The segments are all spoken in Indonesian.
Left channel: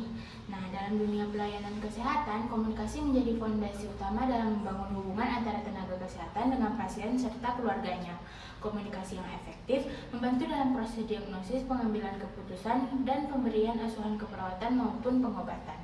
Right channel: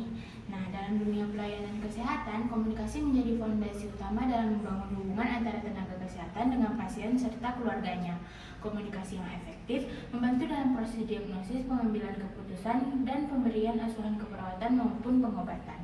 nih. Nah, dalam dunia pelayanan kesehatan, komunikasi menjadi fondasi utama dalam membangun hubungan antara tenaga kesehatan dengan pasien serta keluarganya. Komunikasi yang efektif membantu dalam proses diagnosis, pengambilan keputusan, dan pemberian asuhan keperawatan maupun pengobatan.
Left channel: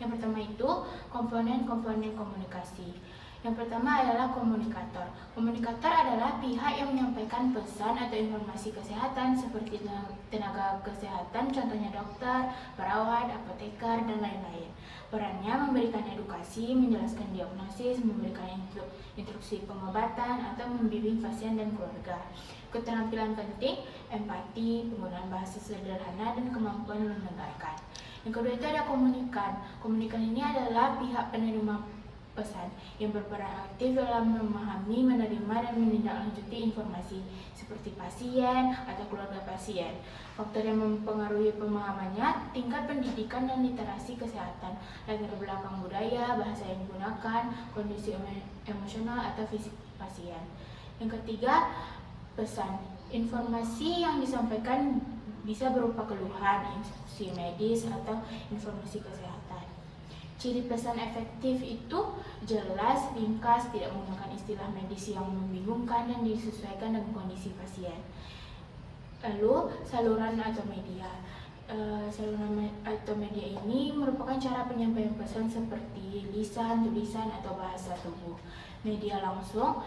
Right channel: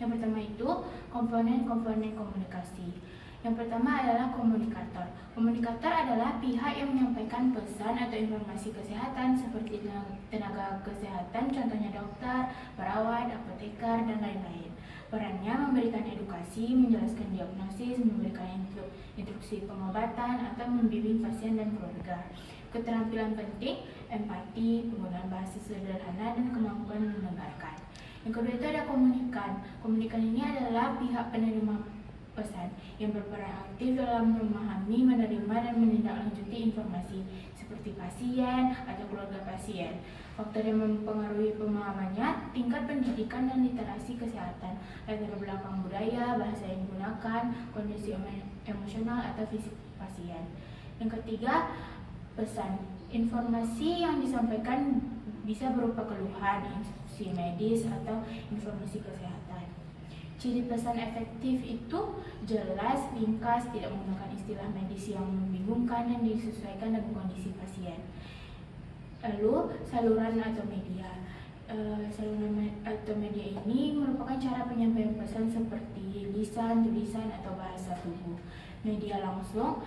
Yang pertama itu komponen-komponen komunikasi. Yang pertama adalah komunikator. Komunikator adalah pihak yang menyampaikan pesan atau informasi kesehatan seperti tenaga kesehatan, contohnya dokter, perawat, apoteker, dan lain-lain. Perannya memberikan edukasi, menjelaskan diagnosis, memberikan instruksi pengobatan, atau membimbing pasien dan keluarga. Keterampilan penting, empati, penggunaan bahasa sederhana, dan kemampuan mendengarkan. Yang kedua itu ada komunikan. Komunikan ini adalah pihak penerima pesan yang berperan aktif dalam memahami, menerima, dan menindaklanjuti informasi seperti pasien atau keluarga pasien. Faktor yang mempengaruhi pemahamannya, tingkat pendidikan dan literasi kesehatan, latar belakang budaya, bahasa yang digunakan, kondisi emosional atau fisik pasien. Yang ketiga, pesan. Informasi yang disampaikan bisa berupa keluhan, instruksi medis, atau informasi kesehatan. Ciri pesan efektif itu jelas, ringkas, tidak menggunakan istilah medis yang membingungkan, dan disesuaikan dengan kondisi pasien. Lalu, saluran atau media. Saluran atau media ini merupakan cara penyampaian pesan seperti lisan, tulisan, atau bahasa tubuh. Media langsung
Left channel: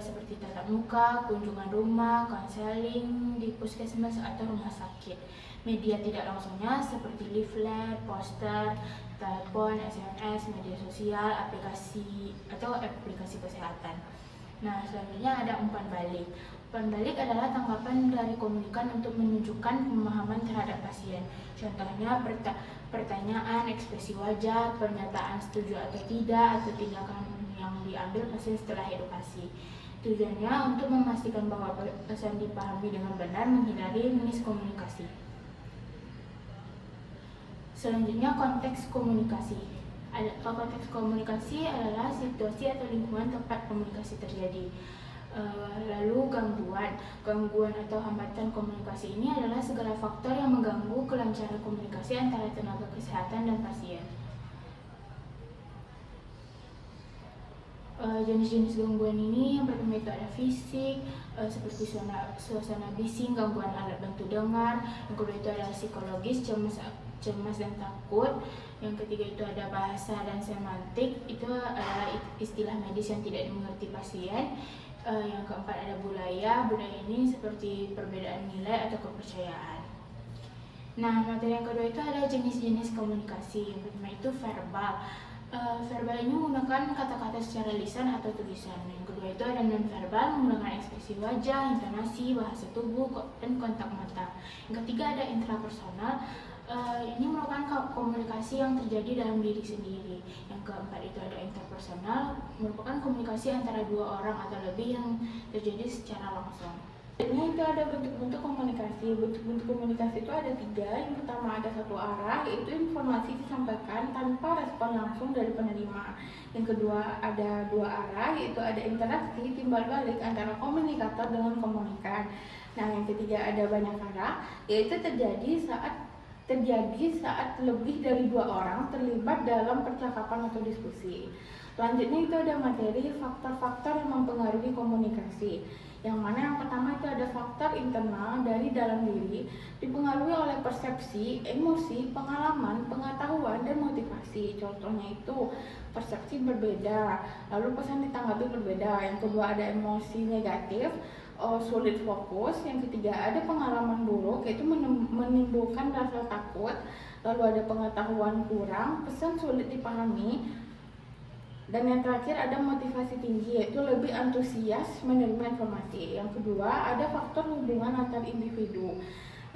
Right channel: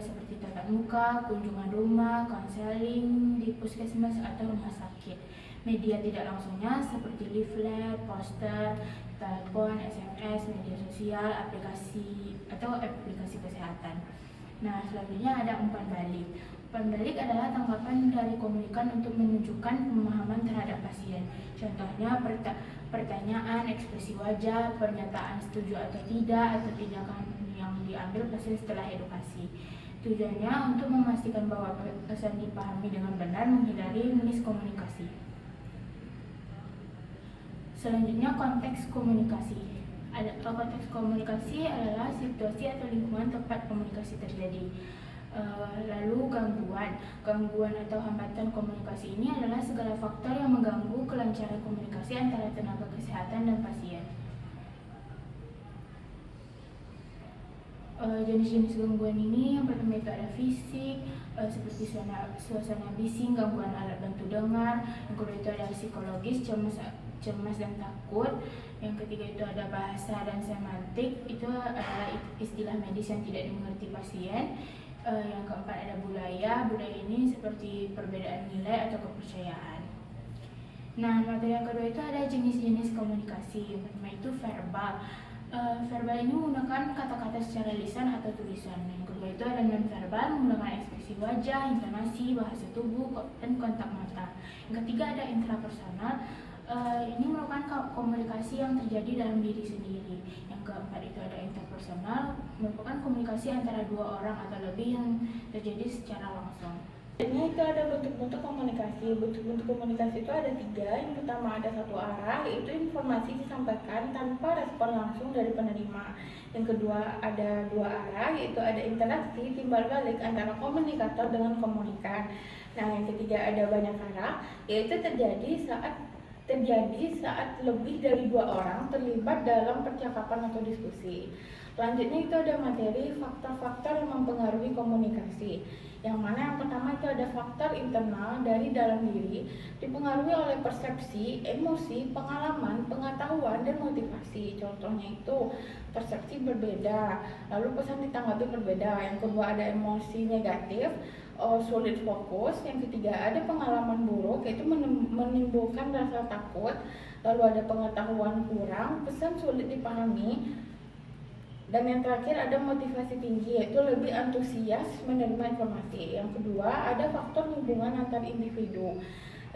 seperti tatap muka, kunjungan rumah, konseling di puskesmas atau rumah sakit. Media tidak langsungnya seperti leaflet, poster, telepon, SMS, media sosial, aplikasi kesehatan. Nah, selanjutnya ada umpan balik. Umpan balik adalah tanggapan dari komunikan untuk menunjukkan pemahaman terhadap pasien. Contohnya pertanyaan, ekspresi wajah, pernyataan setuju atau tidak, atau tindakan yang diambil pasien setelah edukasi. Tujuannya untuk memastikan bahwa pesan dipahami dengan benar, menghindari miskomunikasi. Selanjutnya, konteks komunikasi. Konteks komunikasi adalah situasi atau lingkungan tempat komunikasi terjadi. Lalu gangguan atau hambatan komunikasi ini adalah segala faktor yang mengganggu kelancaran komunikasi antara tenaga kesehatan dan pasien. Jenis-jenis gangguan ini yang pertama itu ada fisik, seperti suasana bising, gangguan alat bantu dengar. Yang kedua itu ada psikologis, cemas dan takut. Yang ketiga itu ada bahasa dan semantik, itu adalah istilah medis yang tidak dimengerti pasien. Yang keempat ada budaya ini seperti perbedaan nilai atau kepercayaan. Nah, materi yang kedua itu ada jenis-jenis komunikasi. Yang pertama itu verbal. Verbal ini menggunakan kata-kata secara lisan atau tulisan. Yang kedua itu ada non-verbal, menggunakan ekspresi wajah, intonasi, bahasa tubuh, dan kontak mata. Yang ketiga ada intrapersonal. Ini merupakan komunikasi yang terjadi dalam diri sendiri. Yang keempat itu ada interpersonal, merupakan komunikasi antara dua orang atau lebih yang terjadi secara langsung. Ini itu ada bentuk-bentuk komunikasi. Bentuk-bentuk komunikasi itu ada 3. Yang pertama ada satu arah, yaitu informasi disampaikan tanpa respon langsung dari penerima. Yang kedua ada 2 arah, yaitu ada interaksi timbal balik antara komunikator dengan komunikan. Nah, yang ketiga ada banyak arah, yaitu terjadi saat lebih dari 2 orang terlibat dalam percakapan atau diskusi. Selanjutnya itu ada materi faktor-faktor yang mempengaruhi komunikasi. Yang mana yang pertama itu ada faktor internal dari dalam diri, dipengaruhi oleh persepsi, emosi, pengalaman, pengetahuan, dan motivasi. Contohnya itu persepsi berbeda, lalu pesan ditanggapi berbeda. Yang kedua ada emosi negatif, sulit fokus. Yang ketiga ada pengalaman buruk, yaitu menimbulkan rasa takut. Lalu ada pengetahuan kurang, pesan sulit dipahami. Dan yang terakhir ada motivasi tinggi, yaitu lebih antusias menerima informasi. Yang kedua ada faktor hubungan antar individu,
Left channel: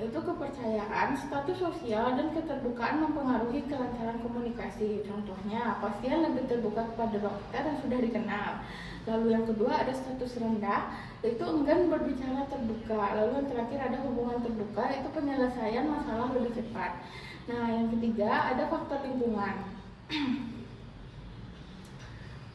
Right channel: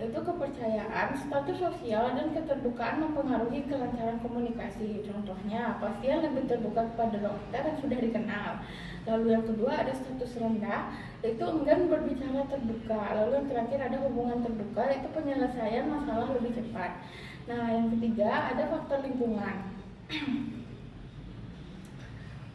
yaitu kepercayaan, status sosial, dan keterbukaan mempengaruhi kelancaran komunikasi. Contohnya pasien lebih terbuka kepada dokter yang sudah dikenal. Lalu yang kedua ada status rendah, yaitu enggan berbicara terbuka. Lalu yang terakhir ada hubungan terbuka, yaitu penyelesaian masalah lebih cepat. Nah, yang ketiga ada faktor lingkungan.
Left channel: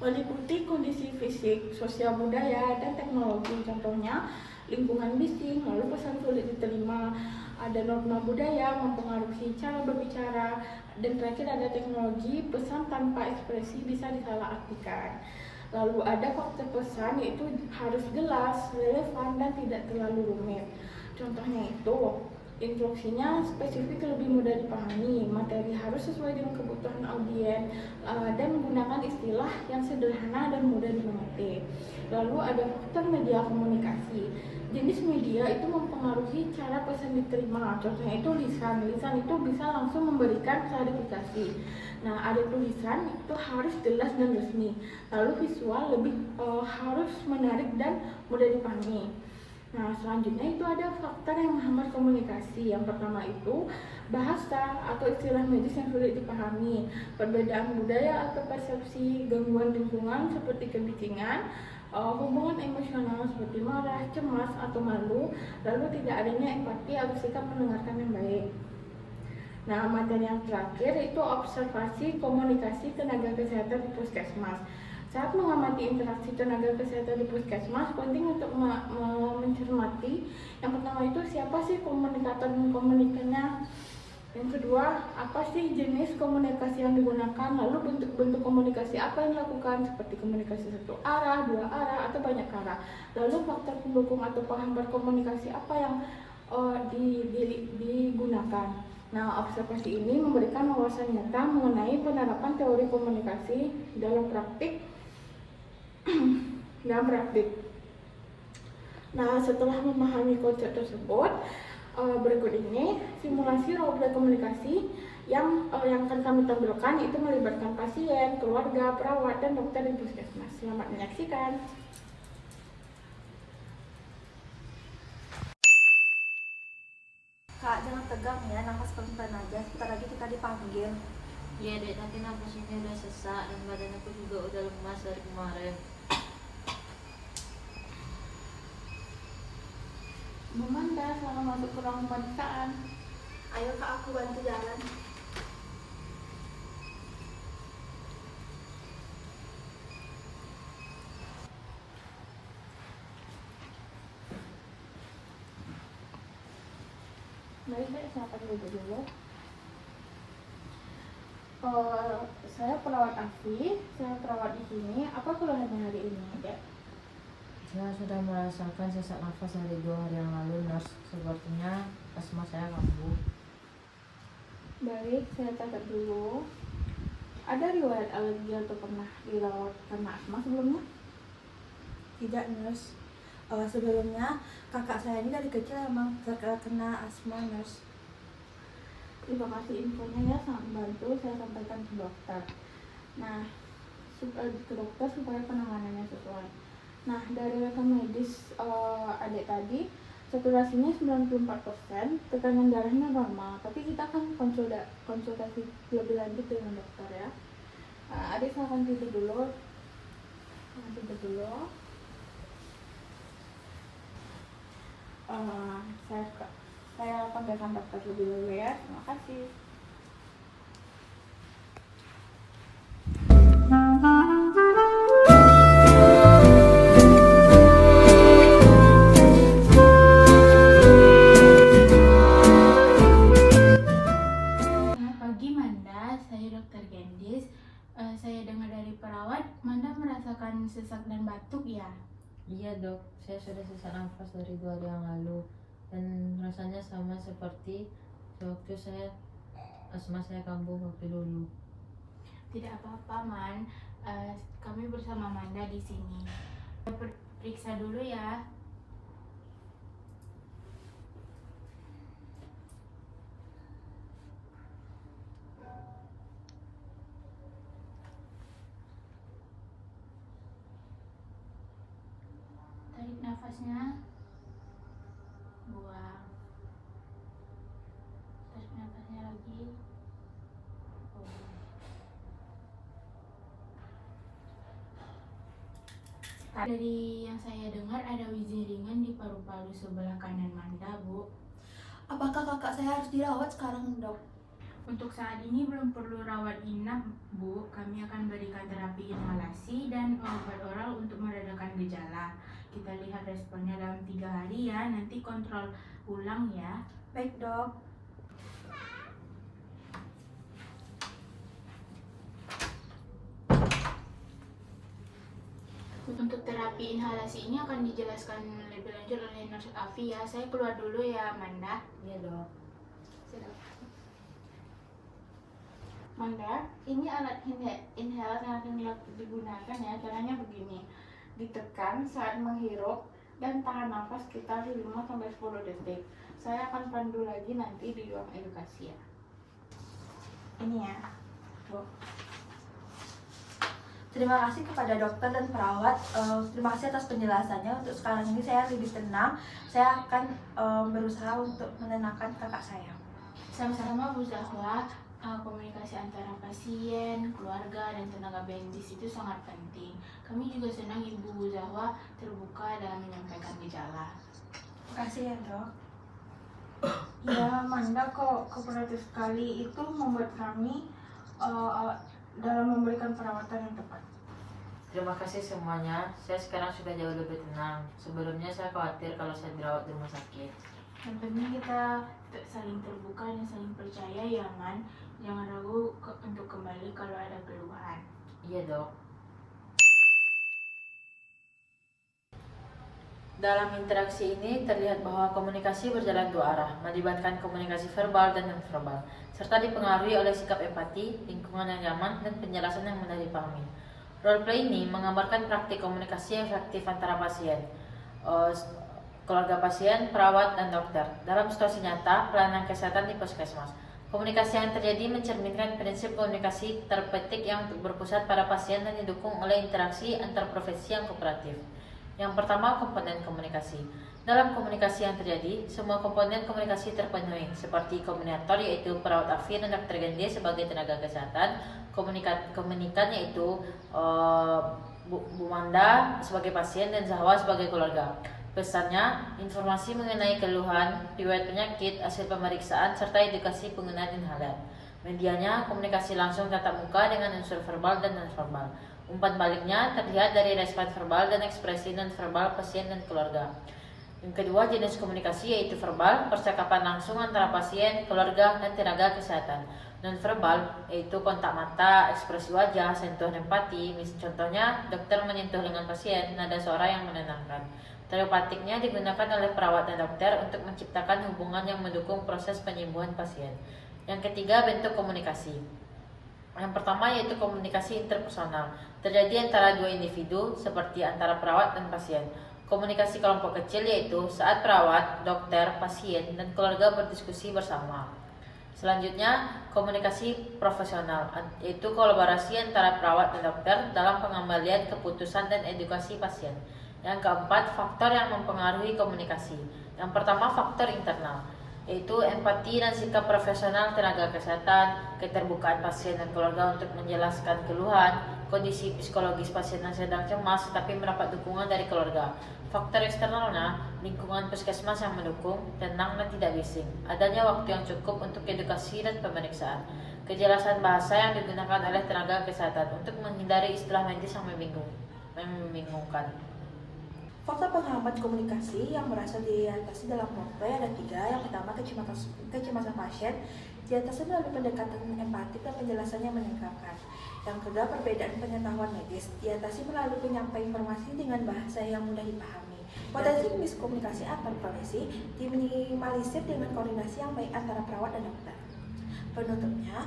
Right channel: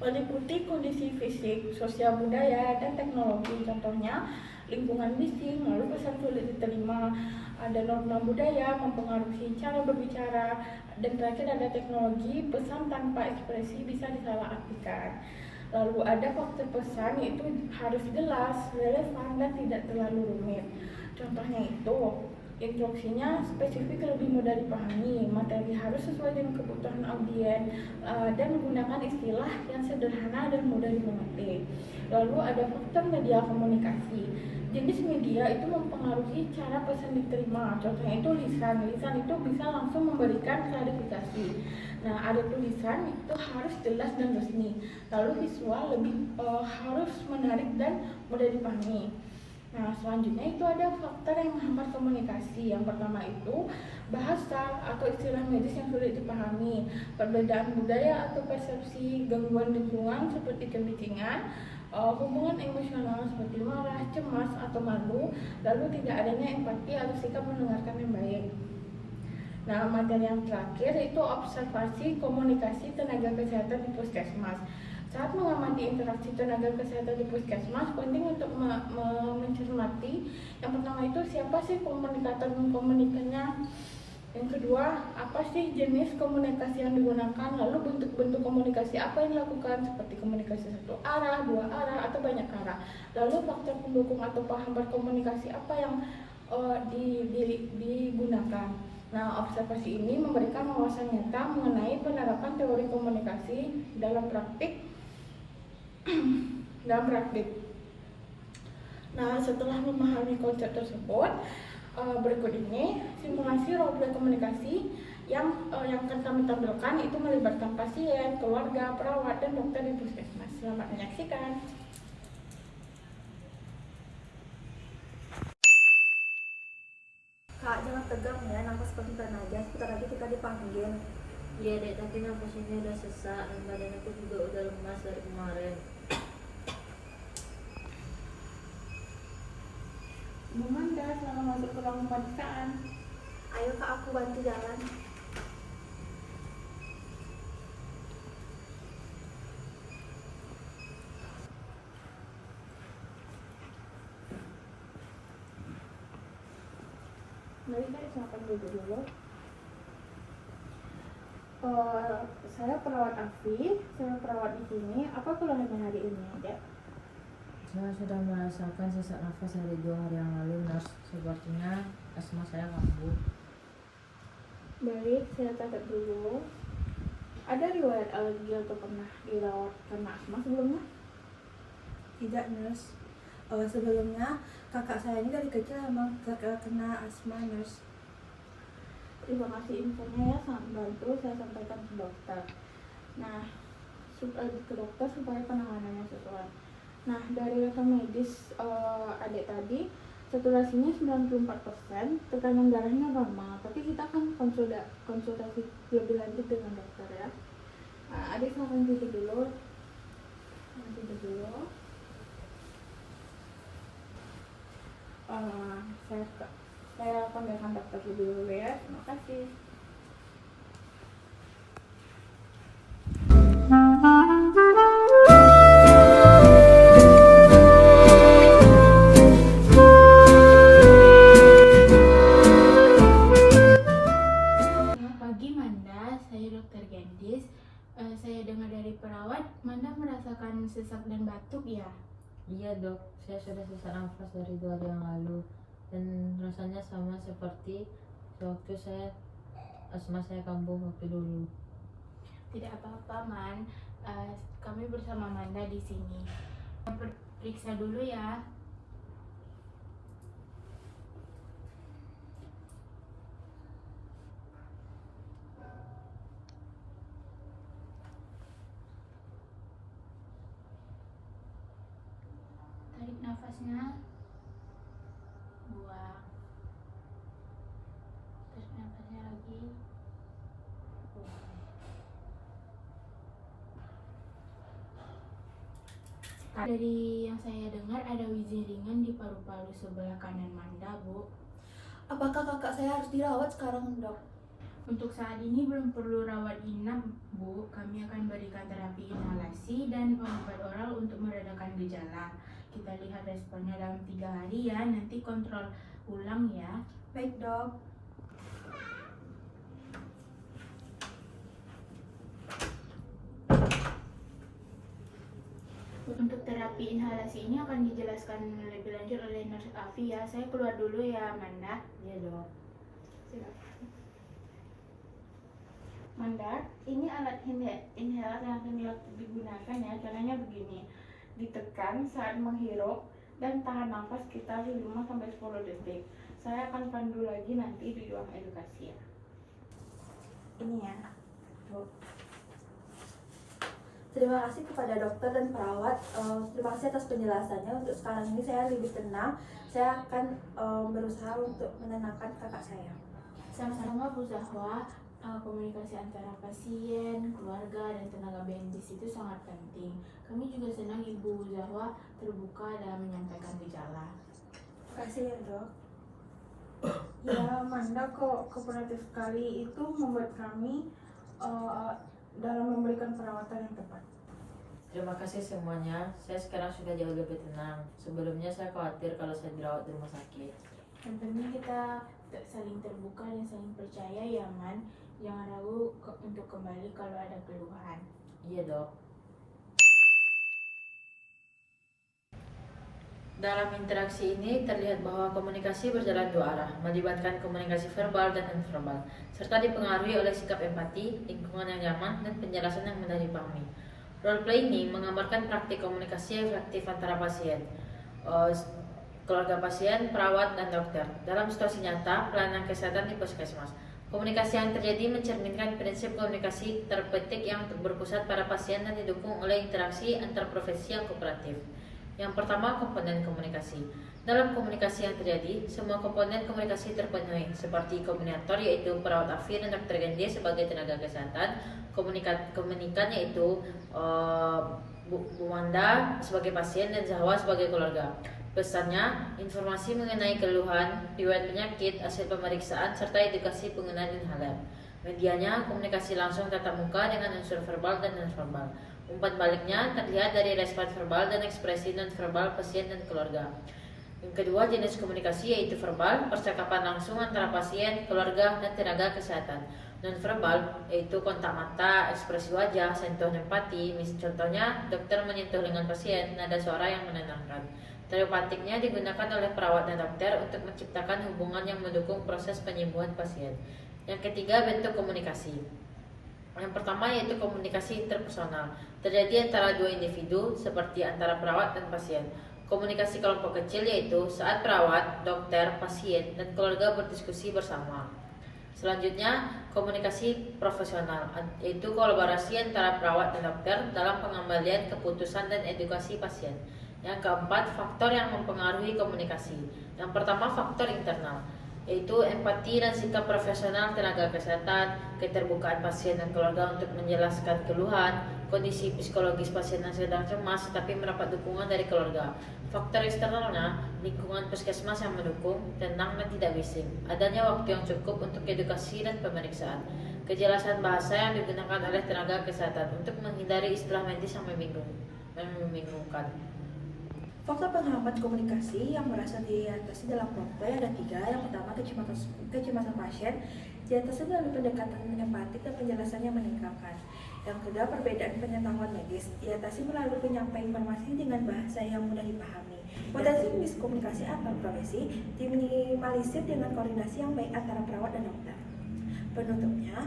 Meliputi kondisi fisik, sosial budaya, dan teknologi. Contohnya lingkungan bising, lalu pesan sulit diterima, Ada norma budaya mempengaruhi cara berbicara, dan terakhir ada teknologi, pesan tanpa ekspresi bisa disalahartikan. Lalu ada faktor pesan, yaitu harus jelas, relevan, dan tidak terlalu rumit. Contohnya itu, instruksinya spesifik, lebih mudah dipahami, materi harus sesuai dengan kebutuhan audiens, dan menggunakan istilah yang sederhana dan mudah dimengerti. Lalu ada faktor media komunikasi. Jenis media itu mempengaruhi cara pesan diterima. Contohnya itu lisan. Lisan itu bisa langsung memberikan klarifikasi. Nah, ada tulisan itu harus jelas dan resmi. Lalu visual harus menarik dan mudah dipahami. Nah, selanjutnya itu ada faktor yang menghambat komunikasi. Yang pertama itu bahasa atau istilah medis yang sulit dipahami, perbedaan budaya atau persepsi, gangguan lingkungan seperti kebisingan, hubungan emosional seperti marah, cemas, atau malu, lalu tidak adanya empati atau sikap mendengarkan yang baik. Nah, materi yang terakhir itu observasi komunikasi tenaga kesehatan di puskesmas. Saat mengamati interaksi tenaga kesehatan di puskesmas, penting untuk mencermati. Yang pertama itu siapa sih komunikator dan komunikannya. Yang kedua, apa sih jenis komunikasi yang digunakan, lalu bentuk-bentuk komunikasi apa yang dilakukan, seperti komunikasi satu arah, dua arah, atau banyak arah. Lalu faktor pendukung atau penghambat komunikasi apa yang digunakan. Nah, observasi ini memberikan wawasan nyata mengenai penerapan teori komunikasi dalam praktik. Nah, setelah memahami konsep tersebut, berikut ini simulasi roda komunikasi yang akan kami tampilkan, itu melibatkan pasien, keluarga, perawat, dan dokter di puskesmas. Selamat menyaksikan. Kak, jangan tegang ya, nafas pelan-pelan aja, sebentar lagi kita dipanggil. Iya dek, tapi nafasnya udah sesak dan badan aku juga udah lemas dari kemarin. Bu Manda, selamat masuk ke ruang pemeriksaan. Ayo Kak, aku bantu jalan. Mari saya silakan dulu. Saya perawat Afi, saya perawat di sini. Apa keluhannya hari ini, Dek? Saya sudah merasakan sesak nafas dari 2 hari yang lalu, nurse. Sepertinya asma saya kambuh. Baik, saya catat dulu. Ada riwayat alergi atau pernah dirawat karena asma sebelumnya? Tidak, nurse. Sebelumnya kakak saya ini dari kecil emang terkena asma, nurse. Terima kasih infonya ya, sangat membantu. Saya sampaikan ke dokter. Nah, ke dokter supaya penanganannya sesuai. Nah, dari rekam medis adik tadi, saturasinya 94%, tekanan darahnya normal. Tapi kita akan konsultasi lebih lanjut dengan dokter ya. Nah, adik silahkan tidur dulu. Saya panggilkan dokter lebih dulu ya. Terima kasih. Selamat pagi Manda, saya Dr. Gendis. Saya dengar dari perawat, Manda merasakan sesak dan batuk ya? Iya dok, saya sudah sesak nafas dari 2 hari yang lalu. Dan rasanya sama seperti sewaktu asma saya kambuh waktu dulu. Tidak apa-apa Man, kami bersama Manda di sini. Periksa dulu ya. Tarik nafasnya, buang. Tarik nafasnya lagi, buang. Dari yang saya dengar ada wheezing ringan di paru-paru sebelah kanan Manda, Bu. Apakah kakak saya harus dirawat sekarang, dok? Untuk saat ini belum perlu rawat inap, Bu. Kami akan berikan terapi inhalasi dan obat oral untuk meredakan gejala. Kita lihat responnya dalam 3 hari ya, nanti kontrol ulang ya. Baik dok. Untuk terapi inhalasi ini akan dijelaskan lebih lanjut oleh Nurse Afi ya. Saya keluar dulu ya, Amanda. Iya dok. Manda, ini alat inhaler yang akan digunakan ya. Caranya begini, ditekan saat menghirup dan tahan nafas sekitar 5-10 detik. Saya akan pandu lagi nanti di ruang edukasi ya. Ini ya, Bu. Terima kasih kepada dokter dan perawat. Terima kasih atas penjelasannya. Untuk sekarang ini saya lebih tenang. Saya akan berusaha untuk menenangkan kakak saya. Sama-sama Bu Zahwa. Komunikasi antara pasien, keluarga, dan tenaga medis itu sangat penting. Kami juga senang Ibu Zahwa terbuka dalam menyampaikan gejala. Terima kasih ya dok. Ya, Amanda kok kooperatif sekali, itu membuat kami dalam memberikan perawatan yang tepat. Terima kasih semuanya. Saya sekarang sudah jauh lebih tenang. Sebelumnya saya khawatir kalau saya dirawat di rumah sakit. Yang penting kita saling terbuka dan saling percaya ya, Man. Jangan ragu untuk kembali kalau ada keluhan. Iya dok. Dalam interaksi ini terlihat bahwa komunikasi berjalan dua arah, melibatkan komunikasi verbal dan nonverbal, serta dipengaruhi oleh sikap empati, lingkungan yang nyaman, dan penjelasan yang mudah dipahami. Roleplay ini menggambarkan praktik komunikasi efektif antara pasien, keluarga pasien, perawat, dan dokter. Dalam situasi nyata, pelayanan kesehatan di puskesmas. Komunikasi yang terjadi mencerminkan prinsip komunikasi terpetik yang berpusat pada pasien dan didukung oleh interaksi antar profesi yang kooperatif. Yang pertama, komponen komunikasi. Dalam komunikasi yang terjadi, semua komponen komunikasi terpenuhi, seperti komunikator yaitu perawat Afi dan dokter Gendi sebagai tenaga kesehatan, komunikan yaitu Bu Manda sebagai pasien dan Zahwa sebagai keluarga. Pesannya, informasi mengenai keluhan, riwayat penyakit, hasil pemeriksaan, serta edukasi penggunaan inhaler. Medianya, komunikasi langsung tatap muka dengan unsur verbal dan nonverbal. Umpan baliknya terlihat dari respon verbal dan ekspresi nonverbal pasien dan keluarga. Yang kedua, jenis komunikasi yaitu verbal, percakapan langsung antara pasien, keluarga, dan tenaga kesehatan. Nonverbal yaitu kontak mata, ekspresi wajah, sentuhan empati. Contohnya, dokter menyentuh lengan pasien, nada suara yang menenangkan. Telepatiknya digunakan oleh perawat dan dokter untuk menciptakan hubungan yang mendukung proses penyembuhan pasien. Yang ketiga, bentuk komunikasi. Yang pertama yaitu komunikasi interpersonal, terjadi antara dua individu seperti antara perawat dan pasien. Komunikasi kelompok kecil yaitu saat perawat, dokter, pasien, dan keluarga berdiskusi bersama. Selanjutnya, komunikasi profesional, yaitu kolaborasi antara perawat dan dokter dalam pengembalian keputusan dan edukasi pasien. Yang keempat, faktor yang mempengaruhi komunikasi. Yang pertama, faktor internal, yaitu empati dan sikap profesional tenaga kesehatan, keterbukaan pasien dan keluarga untuk menjelaskan keluhan, kondisi psikologis pasien yang sedang cemas tetapi mendapat dukungan dari keluarga. Faktor eksternalnya, lingkungan puskesmas yang mendukung, tenang dan tidak bising, adanya waktu yang cukup untuk edukasi dan pemeriksaan, kejelasan bahasa yang digunakan oleh tenaga kesehatan untuk menghindari istilah medis yang membingungkan. Faktor penghambat komunikasi yang berasal diatasi dalam roleplay ada 3. Yang pertama, kecemasan pasien, diatasi melalui pendekatan empatik dan penjelasan yang menyenangkan. Yang kedua, perbedaan pengetahuan medis, diatasi melalui penyampaian informasi dengan bahasa yang mudah dipahami. Potensi miskomunikasi antar profesi diminimalisir dengan koordinasi yang baik antara perawat dan dokter. Penutupnya,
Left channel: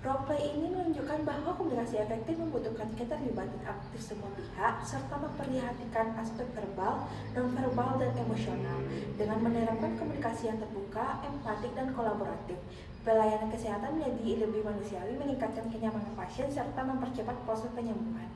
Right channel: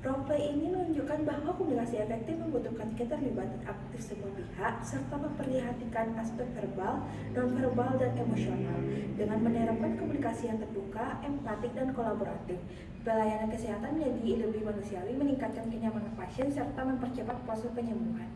roleplay ini menunjukkan bahwa komunikasi efektif membutuhkan keterlibatan aktif semua pihak serta memperhatikan aspek verbal, nonverbal, dan emosional. Dengan menerapkan komunikasi yang terbuka, empatik, dan kolaboratif, pelayanan kesehatan menjadi lebih manusiawi, meningkatkan kenyamanan pasien, serta mempercepat proses penyembuhan.